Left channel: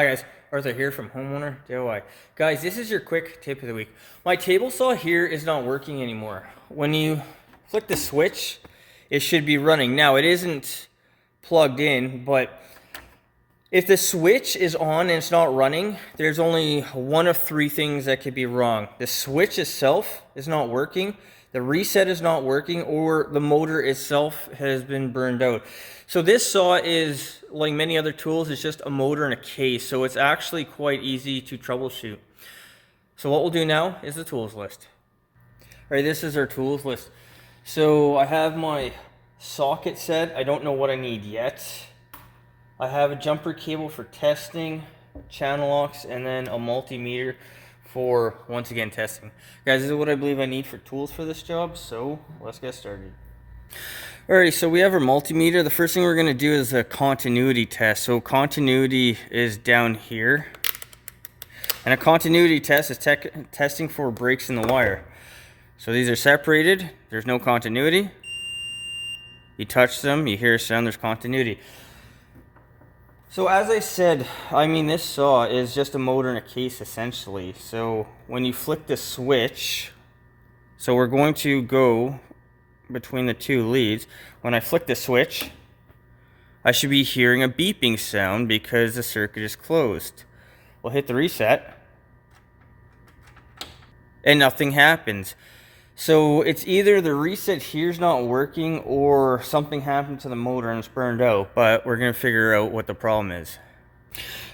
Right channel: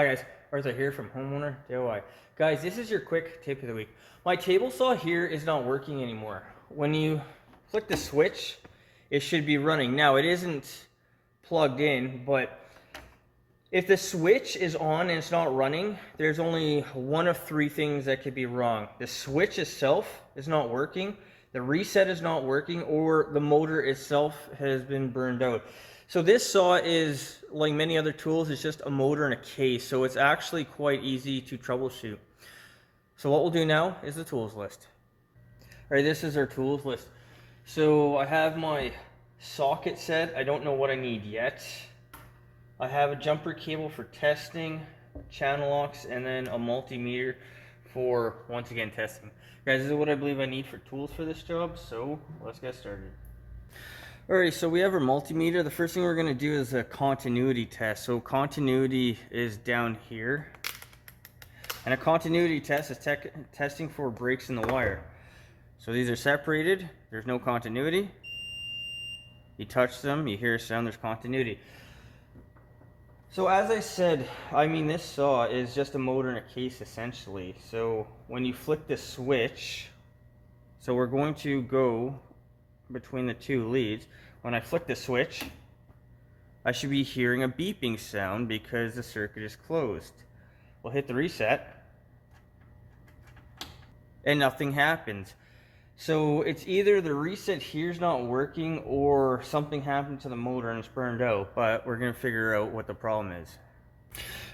Hi guys, Arthur here from Homeowner DIY. Guys, this is your quick tip of the week. My table saw here is not working anymore. When you flick the switch, it should be running. Now, it isn't plugged in, but if the switch is on and it's not running, there's only one of three things that could be wrong. The switch itself is not working, the reset is not working, or the motor itself has been burned out. So this saw is, like many other tools, it's just a motor and a case. So it's actually quite easy to troubleshoot. So what we'll do now is the tools list. All right, this is our tools list. So I have my socket set. I don't know what I need yet. I have a jumper cable for testing, channel locks, and then a multimeter for, once again, testing. Guys, this is what I believe I need for tools for this job, so let's get started. Alright, so we have our multimeter. The first thing we're going to do is a continuity test. So continuity is down here. And a continuity test is testing for breaks in the wire. So these are separated. There's no continuity. You touch them, you hear a sound, there's continuity. So as I said, this saw is just a motor and a case essentially. So when you flick the switch, so we're going to go between the two leads. When I flick the switch, I should be hearing a beeping sound because the circuit is closed. We'll hit the reset and nothing happens. So it's either the reset here's not working or something happened to the motor and it's burned out, but we're going to figure out what the problem is.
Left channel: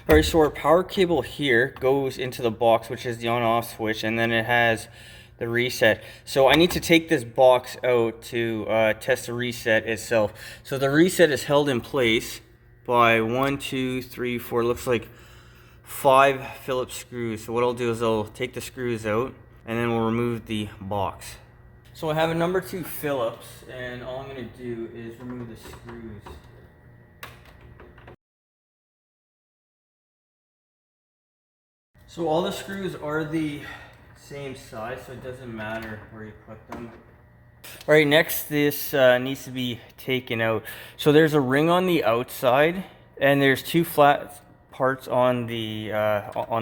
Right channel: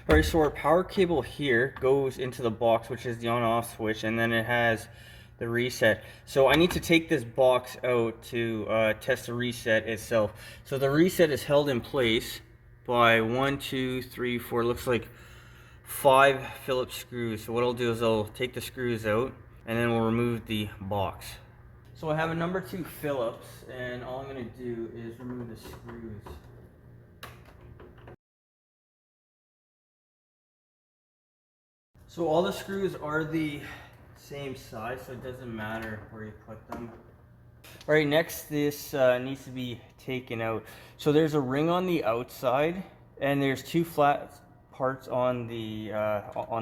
Alright, so our power cable here goes into the box, which is the on-off switch, and then it has the reset. So I need to take this box out to test the reset itself. So the reset is held in place by 1, 2, 3, 4, looks like 5 Phillips screws. So what I'll do is I'll take the screws out and then we'll remove the box. So I have a number 2 Phillips, and all I'm going to do is remove the screws. So all the screws are the same size, so it doesn't matter where you put them. All right, next this needs to be taken out. So there's a ring on the outside, and there's 2 flat parts on the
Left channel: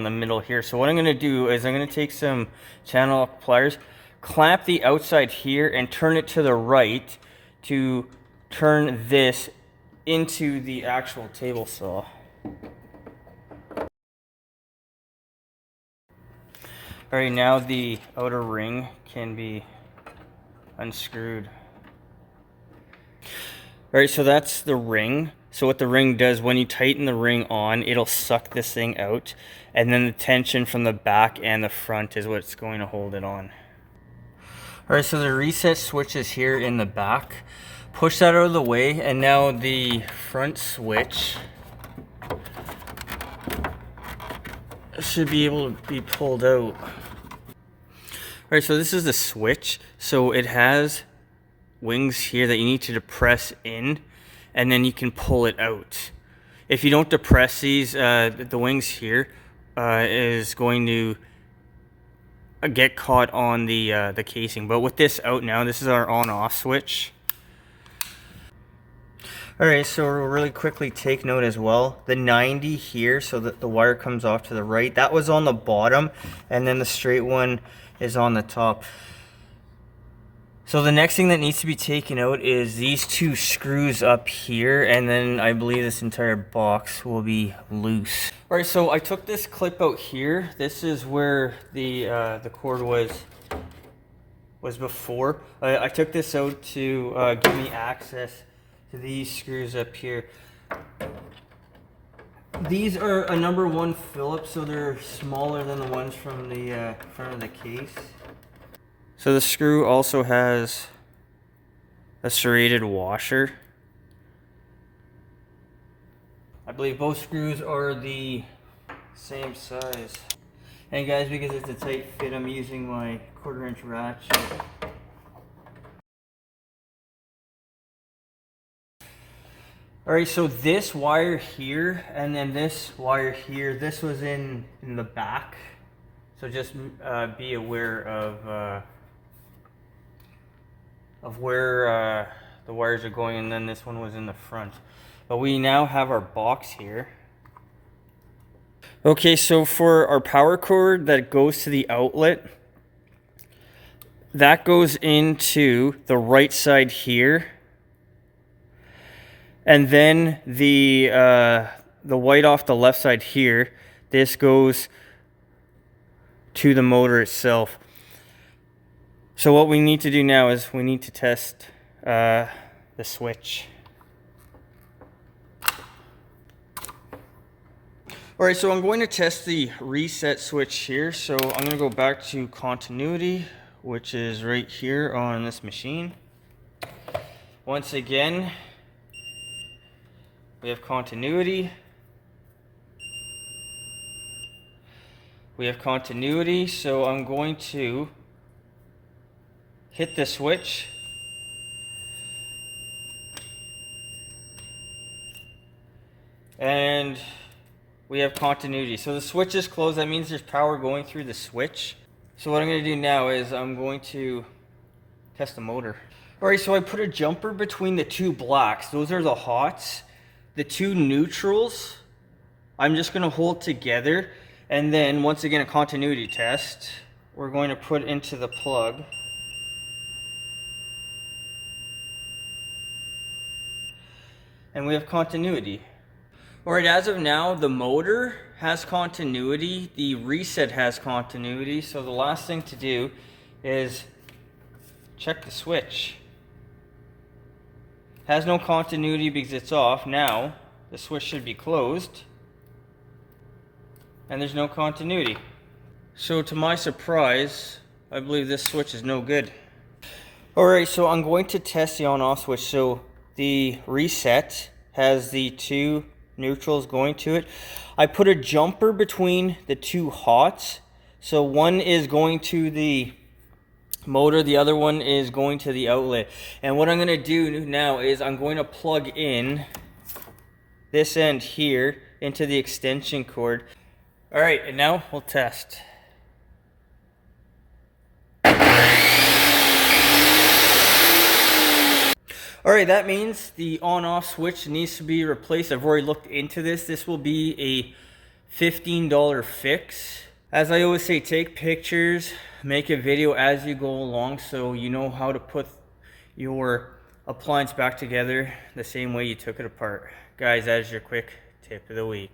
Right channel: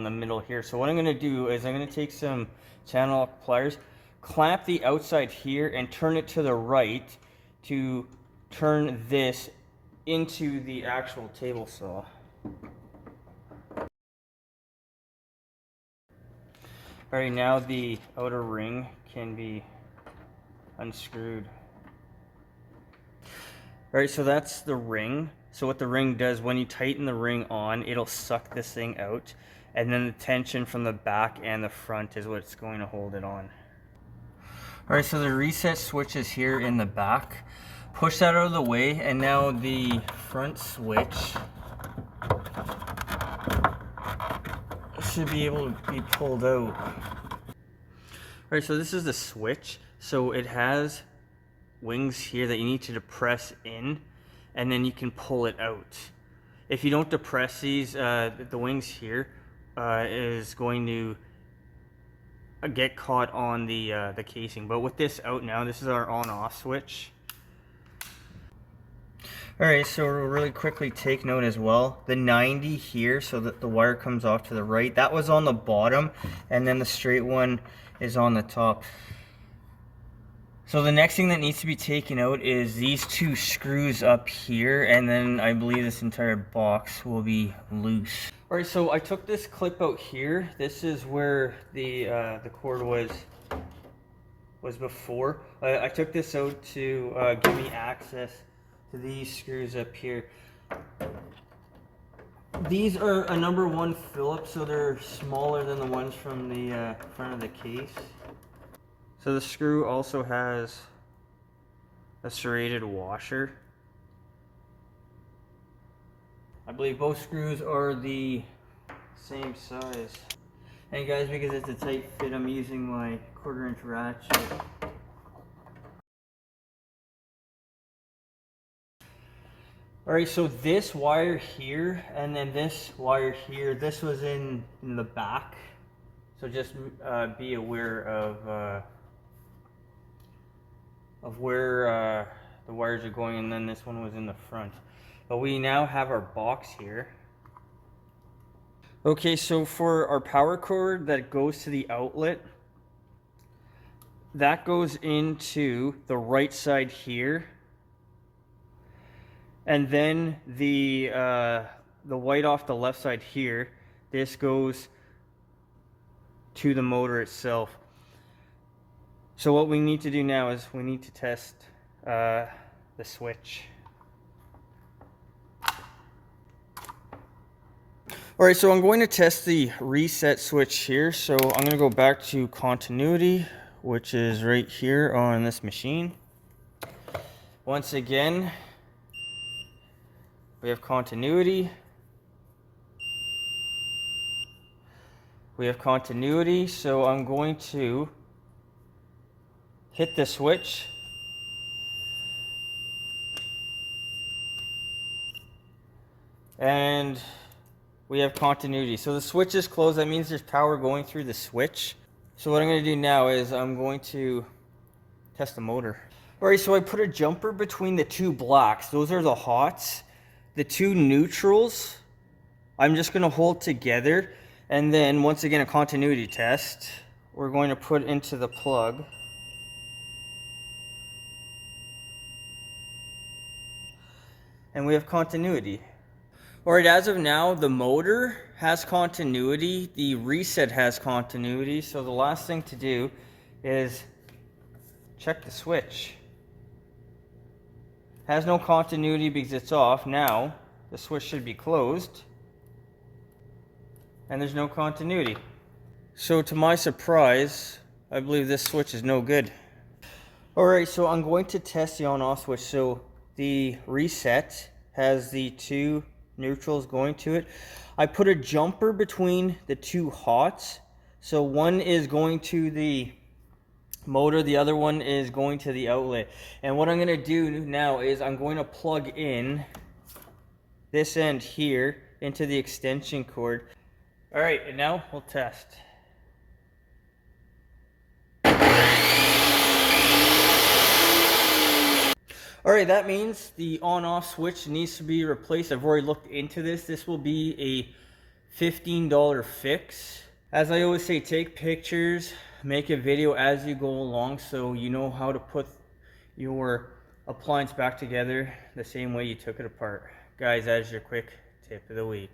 middle here. So what I'm going to do is I'm going to take some channel lock pliers, clamp the outside here, and turn it to the right to turn this into the actual table saw. Alright, now the outer ring can be unscrewed. Alright, so that's the ring. So what the ring does, when you tighten the ring on, it'll suck this thing out, and then the tension from the back and the front is what's going to hold it on. Alright, so the reset switch is here in the back. Push that out of the way, and now the front switch should be able to be pulled out. Alright, so this is the switch. So it has wings here that you need to depress in, and then you can pull it out. If you don't depress these, the wings here is going to get caught on the casing. But with this out now, this is our on-off switch. Alright, so we'll really quickly take note as well. The 90 here, so that the wire comes off to the right, that was on the bottom, and then the straight one is on the top. So the next thing that needs to be taken out is these 2 screws up here, and then I believe this entire box will be loose. Alright, so I took this clip out here. This is where the cord was before. I took this out to give me access to these screws up here. These are a number 1 Phillips, so they're smaller than the ones from the front of the case. So the screw also has a serrated washer. I believe both screws are the same size. And guys, because it's a tight fit, I'm using my 1/4 inch ratchet. Alright, so this wire here and then this wire here, this was in the back. So just be aware of where the wires are going, and then this one was in the front. But we now have our box here. Okay, so for our power cord that goes to the outlet, that goes into the right side here. And then the white off the left side here, this goes to the motor itself. So what we need to do now is we need to test the switch. All right, so I'm going to test the reset switch here. So I'm going to go back to continuity, which is right here on this machine. Once again, we have continuity. We have continuity, so I'm going to hit the switch. And we have continuity. So the switch is closed. That means there's power going through the switch. So what I'm going to do now is I'm going to test the motor. All right, so I put a jumper between the two blacks. Those are the hots. The two neutrals, I'm just going to hold together. And then once again, a continuity test. We're going to put into the plug. And we have continuity. All right, as of now, the motor has continuity, the reset has continuity, so the last thing to do is check the switch. Has no continuity because it's off. Now, the switch should be closed, and there's no continuity. So to my surprise, I believe this switch is no good. All right, so I'm going to test the on-off switch. So the reset has the two neutrals going to it. I put a jumper between the two hots. So one is going to the motor, the other one is going to the outlet. And what I'm going to do now is I'm going to plug in this end here into the extension cord. All right, and now we'll test. All right, that means the on-off switch needs to be replaced. I've already looked into this. This will be a $15 fix. As I always say, take pictures, make a video as you go along so you know how to put your appliance back together the same way you took it apart. Guys, that is your quick tip of the week.